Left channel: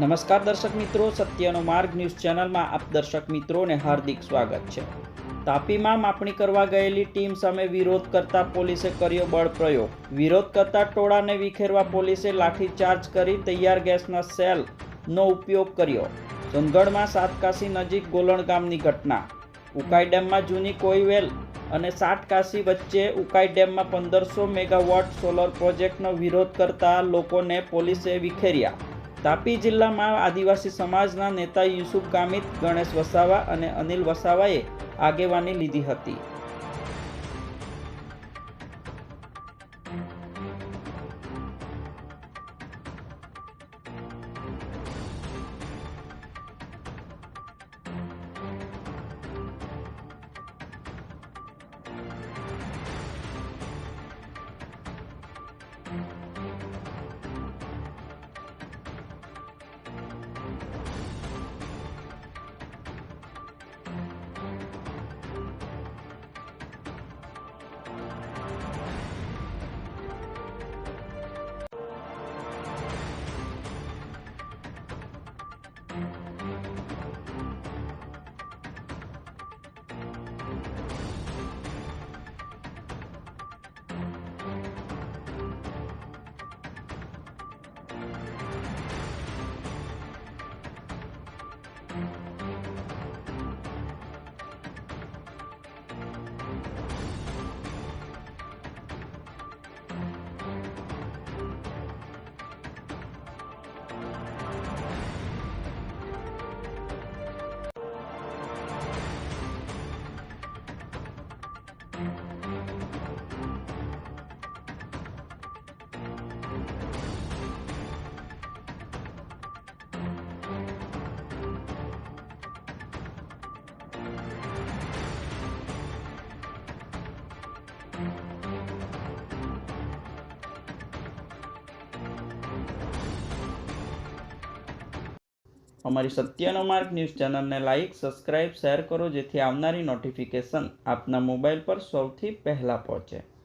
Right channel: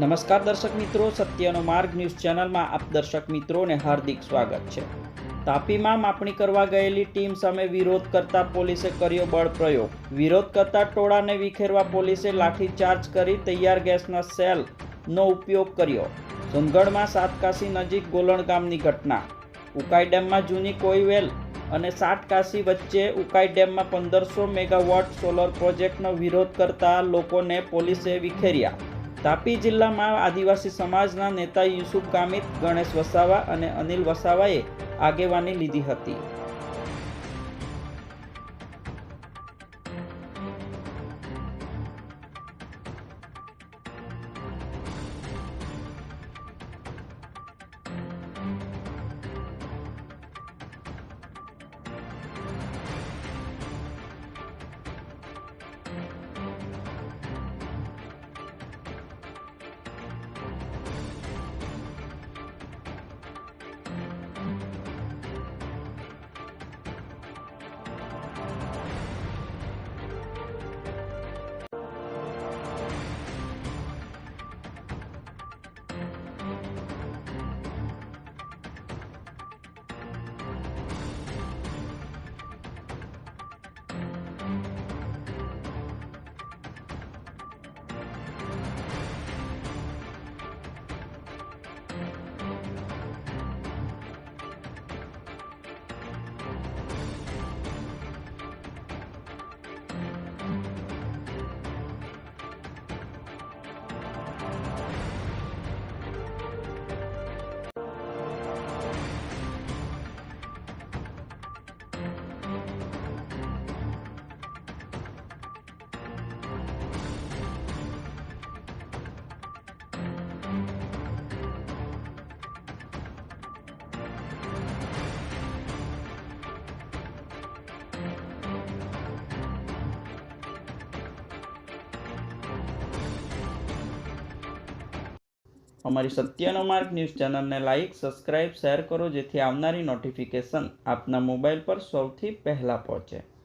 નમસ્કાર દર્શક મિત્રો, સત્યનો માર્ગ ન્યૂઝ ચેનલમાં આપ દર્શક મિત્રોને હાર્દિક સ્વાગત છે। તાપીમાં માપણી કરવા ગયેલી ટીમ સામે વિરોધ કરતા પોલીસે કર્યો બળ પ્રયોગ। વિરોધ કરતા ટોળાને વિખેરવા પોલીસે લાઠીચાર્જ કરી તૈયાર ગેસના સેલનો ઉપયોગ કર્યો। સોનગઢમાં સાતકાશી નજીક ગોલણ ગામની ઘટના। ઉકાઈ ડેમમાં જૂની કોઈવેલ અને સાતકાશી વચ્ચે ઉકાઈ ડેમમાં 1500 મેગાવોટ સોલર પ્રોજેક્ટનો વિરોધ કરતા લોકોને પોલીસે વિખેર્યા। તાપી જિલ્લામાં આદિવાસી સમાજના નેતા યુસુફ ગામિત, ગણેશ વસાવા અને અનિલ વસાવાએ આગેવાની લીધી હતી। અમારી સત્યનો માર્ગ ન્યૂઝ ચેનલને લાઇક, સબસ્ક્રાઇબ, શેર કરો જેથી આવનારી નોટિફિકેશન આપના મોબાઈલ પર સૌથી પહેલાં પહોંચે।